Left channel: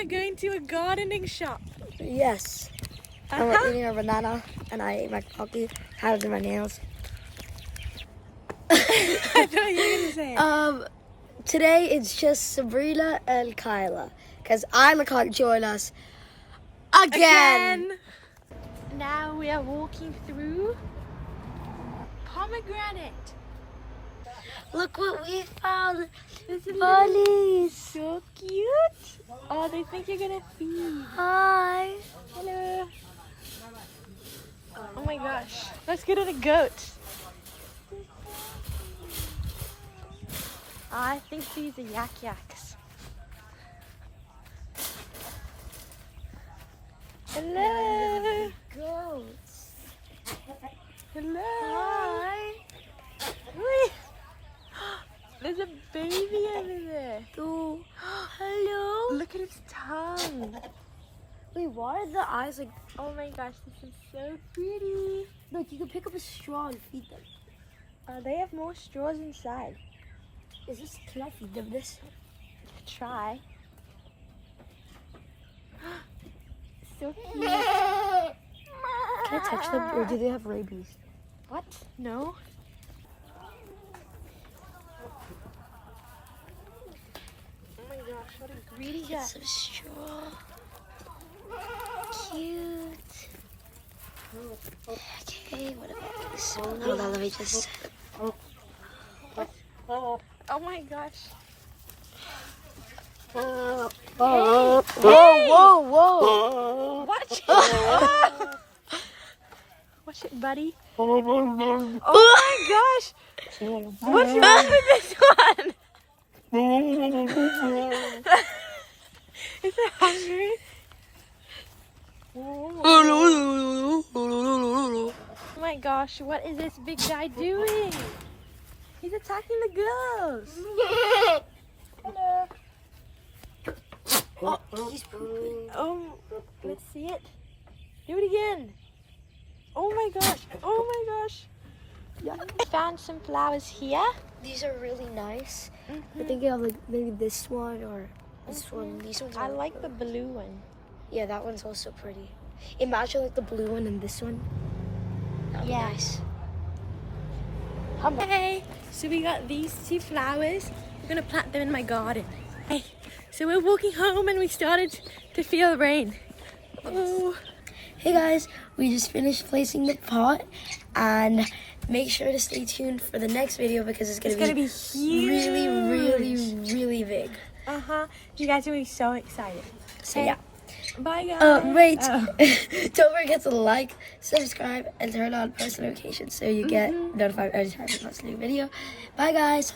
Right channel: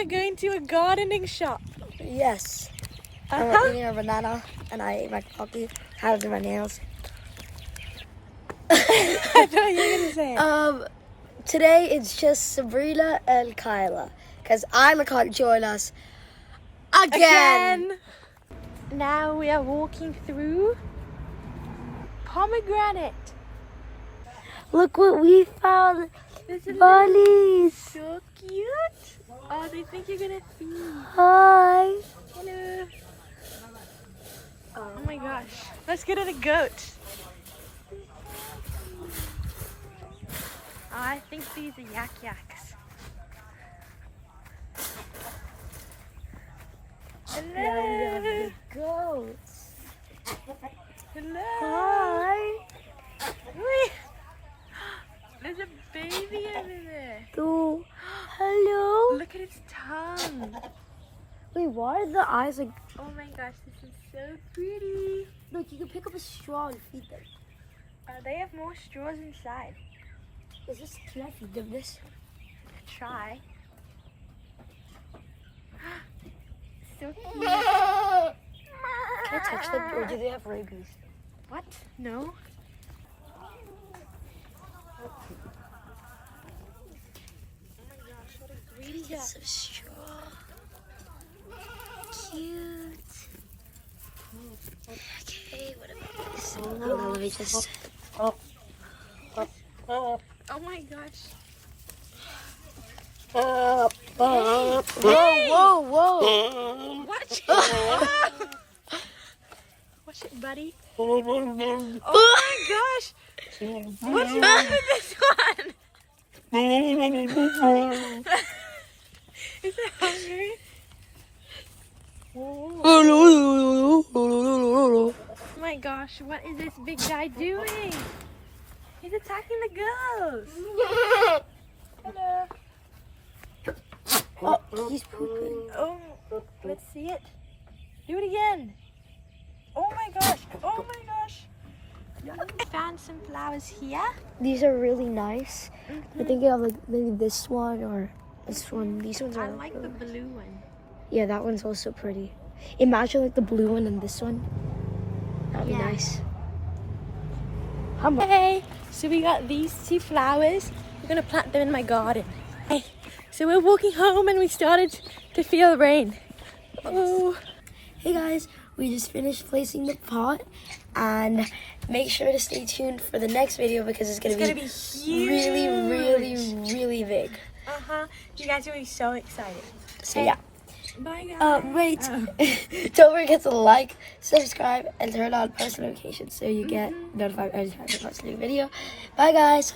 we're going to a gardening shop. Yes. And we're eating a banana, and I ate my coffee, have in my nails. I thought you were gonna say it. Today it's just Sabrina and Kyla, because Ima can't join us again. Now we are walking through pomegranate. Look what we found. Bunnies. So cute. Oh, they think you're gonna feed. Hi. Hello. Oh my gosh. Let's go to the goat. I think these are yak-yaks. Hello. Goats. Hello. Hi. Wait. There's a baby over there. Oh. Hello. Look at its tongue. Wait, why are the eyes like... Oh my gosh, this is so pretty. Look, you can pick up a straw and feed them. They have more straws inside. Can I feed them this? Try. So cute. Can I touch them, or do they have rabies? What? No. Oh my gosh, what a greedy cat. It's a straw. Cute. Okay, what about this? Hold on, let me just... Oh my gosh. Whoa, whoa, whoa. Watch it. Watch it, buddy. Oh my gosh. What's wrong with this one? Is it hungry? Oh my gosh, what is this big guy doing? He's attacking the girls. Hello. Oh, he's pooping. Oh, let's see it. Do it again. Oh my gosh. Oh my gosh. I found some flowers here. These are really nice. I think I have like maybe this one or this one. These ones are... I like the blue one. Yeah, that one's also pretty. Imagine like the blue one and this one. That'd be nice. Hey, so we got these two flowers. We're gonna plant them in my garden. Hey, so we're walking home and we started to feel rain. Oh. Hey guys, we just finished placing the pot, and make sure to stay tuned for the next video because it's gonna be huge. really, really, really big. You guys are gonna be so excited. So yeah. Bye guys. Wait. Don't forget to like, subscribe, and turn on post notifications so you get notified every time I post a new video. Bye guys.